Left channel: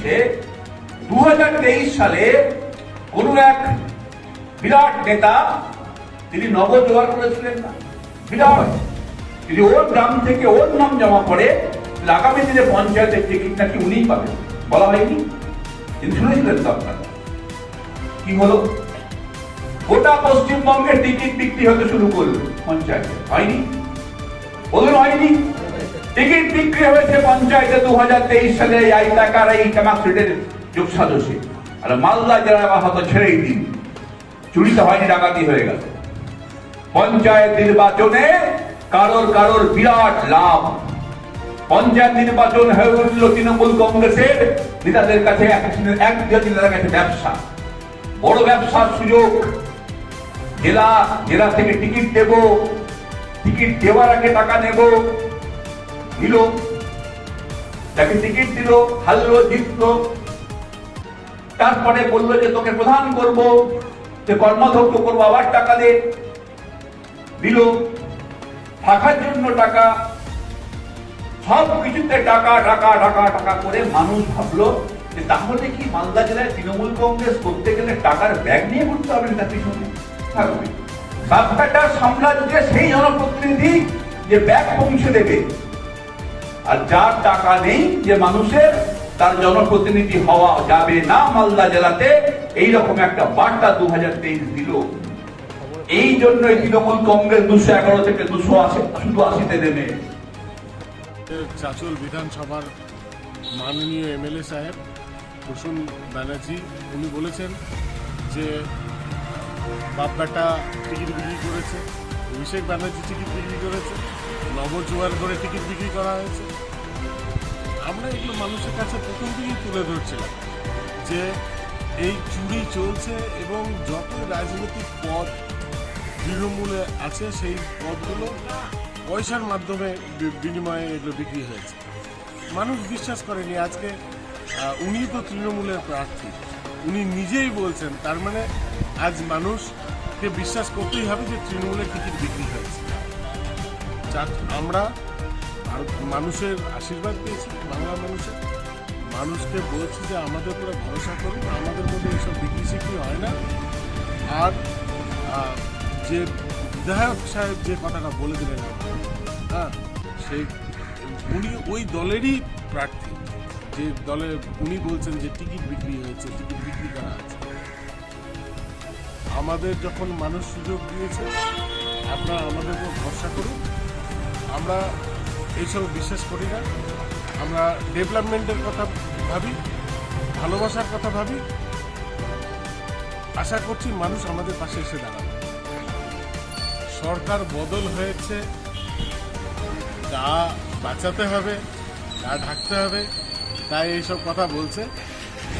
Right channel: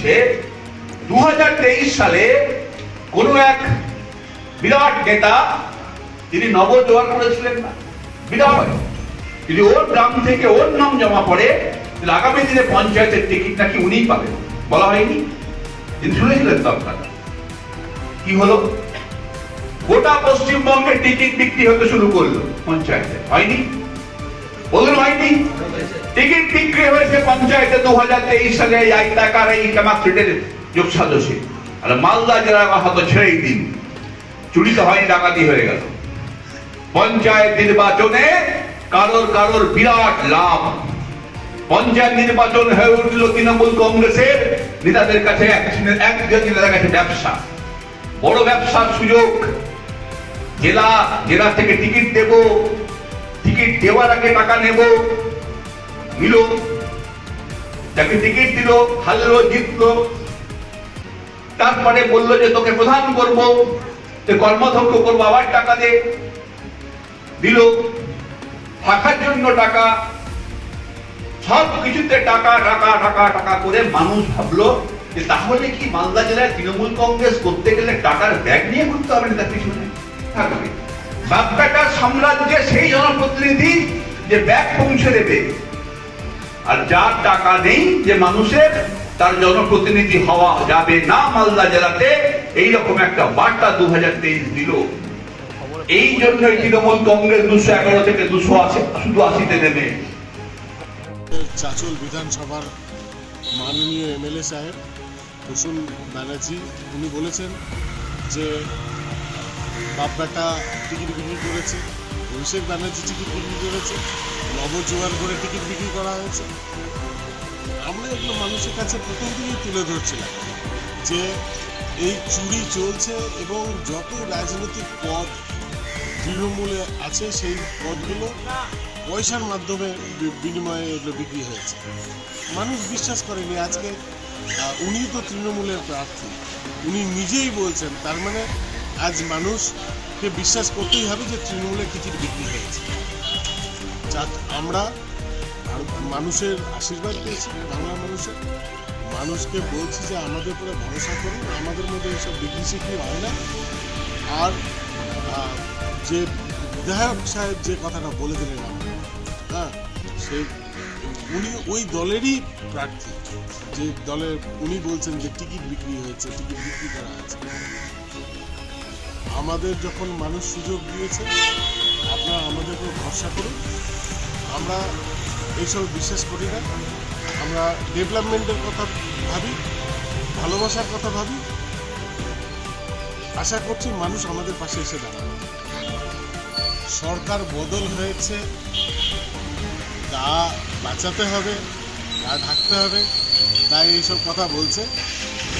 হচ্ছে 2023 সালে কোন এক বিরাট নেতা তিনি নবজোয়ার করেছিলেন না, বিরাট, যদি ওর গ্রাম থেকে ওর নাম জমা পড়ে আগামী দিনে পঞ্চায়েতের টিকিট নাকি উনিই পাবেন, বলা হয়নি? তিনি শুনেছিলেন তো আপনারা কি হলো? গোটা পশ্চিমবঙ্গের টিকিট বিক্রি হতে শুরু করলো পঞ্চায়েতে, হয়নি? বলুন হয়নি? টিকিট বিক্রি হয়েছে পঞ্চায়েতে 2023 সালে এই আইতাকার এই কামাখ্যাটের যোগ সাজসে। আর মালদা জেলার কথা তো ছেড়েই দিন, চুরি তো হয়নি, ডাকাতি হয়ে গেল। পঞ্চায়েত নির্বাচনে কারোর বিরাট লাভ। পঞ্চায়েত নির্বাচন হয়ে উঠল তৃণমূল কংগ্রেসের নেতাদের কাছে, একজন নেতাদের কাছে ব্যবসা, বড় ব্যবসার সুযোগ। জেলা থেকে টিকিট দেব, টিকিট দেওয়ার আগে টাকা নেব, নিল, যাকে টিকিট দিল হারলো জিতলো, তারপরে বললো যে তোকে প্রধান করবো, কর্মাধ্যক্ষ করবো, আবার টাকা দে, দিল, থাকার জন্য টাকা, সব কিছুতে টাকা টাকা টাকা টাকা করে মানুষ ভাবলো যে তাহলে কি মালদা জেলায় তৃণমূল কংগ্রেস করতে গেলে টাকার ব্যাগ নিয়ে ঘুরতে হবে তার পিছনে থাকবে। বাগদাটার সাম্রাজ্যে সেই জনপ্রতিনিধি যে ব্যাগ পৌঁছে দেবে, আর যার টাকা নেই যে মানুষের, তার জনপ্রতিনিধি হওয়া যাবে না মালদা জেলাতে, এইরকম একটা বার্তা 2023 দিল। এই জন্য তৃণমূল কংগ্রেস 211 থেকে 280 নেমে। চাঁচল বিধানসভার মাননীয় এমএলএ সাহেব প্রসূন ব্যানার্জি উনি বলেছেন যে বাপ বেটা টিকিট বিক্রি করেছে, অভিষেক ব্যানার্জি টিকিট বিক্রি করেছে, নবজোয়ার করে টিকিট বিক্রি করা হয়েছে। আমরা এগুলো মানুষের কাছে প্রথম থেকেই তুলে ধরছিলাম যে এই চুরি চলছে এবং যত রাজনৈতিক পদ তৃণমূলে আছে সেই পদগুলো পয়সার মাধ্যমে বিনিময়ে এগুলো বিক্রি হয়েছে। মানুষ বিশ্বাস করেনি। আজকে উনি তো তৃণমূলের প্রার্থী, উনি নিজেই বলছেন, তার মানে আজ মানুষকে বিশ্বাস করতেই হবে যে তৃণমূলের টিকিট বিক্রি হয়েছে। আমরা মানুষের আশীর্বাদ পেয়েছি, বাংলার মানুষকে বলছি যে আমাদের উপরে ভরসা করুন, আমাদের মধ্যে এইসব বিক্রি সিক্রি হয় না। আর যে বিধায়ক সাহেব যে কথাটা বলে দিলেন হ্যাঁ, উনি ওই দলেরই প্রার্থী, যে দলের উনি বলছেন যে টিকিট বিক্রি হয়েছে, টিকিট বিক্রি করা আছে। আমাদের যখন মানুষ সুযোগ দিয়েছে, আপনারা আমাদের উপর ভরসা করুন। আমরা এইসব বিশ্বাস করি না, আমরা ডেভেলপমেন্টের কথা ভাবি, ভালোবাসার কথা ভাবি। আশা করছি মানুষ আমাদের পাশে এসে দাঁড়াবে। সরকার বদল হয়েছে, তা বাঁচাতে হবে, তা ঢাকতে হবে, তাই এইসব কথা বলছে।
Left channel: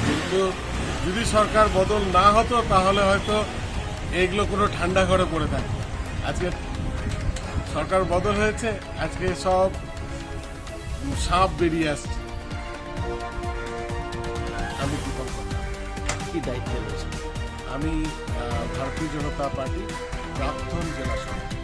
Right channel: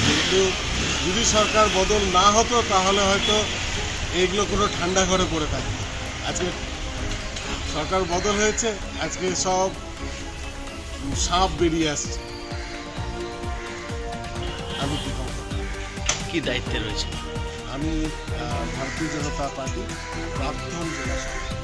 কিন্তু যদি সরকার বদল না হতো তাহলে হয়তো এইগুলো কোনো ঠান্ডা ঘরে পড়ে থাকতো। আজকে সরকার বদল হয়েছে, আজকে সব সাপ বেরিয়ে আসছে। আমি কি দায়িত্বে রয়েছে? আমি ভারতীয় জনতা পার্টি প্রাক্তন জেলা সভাপতি।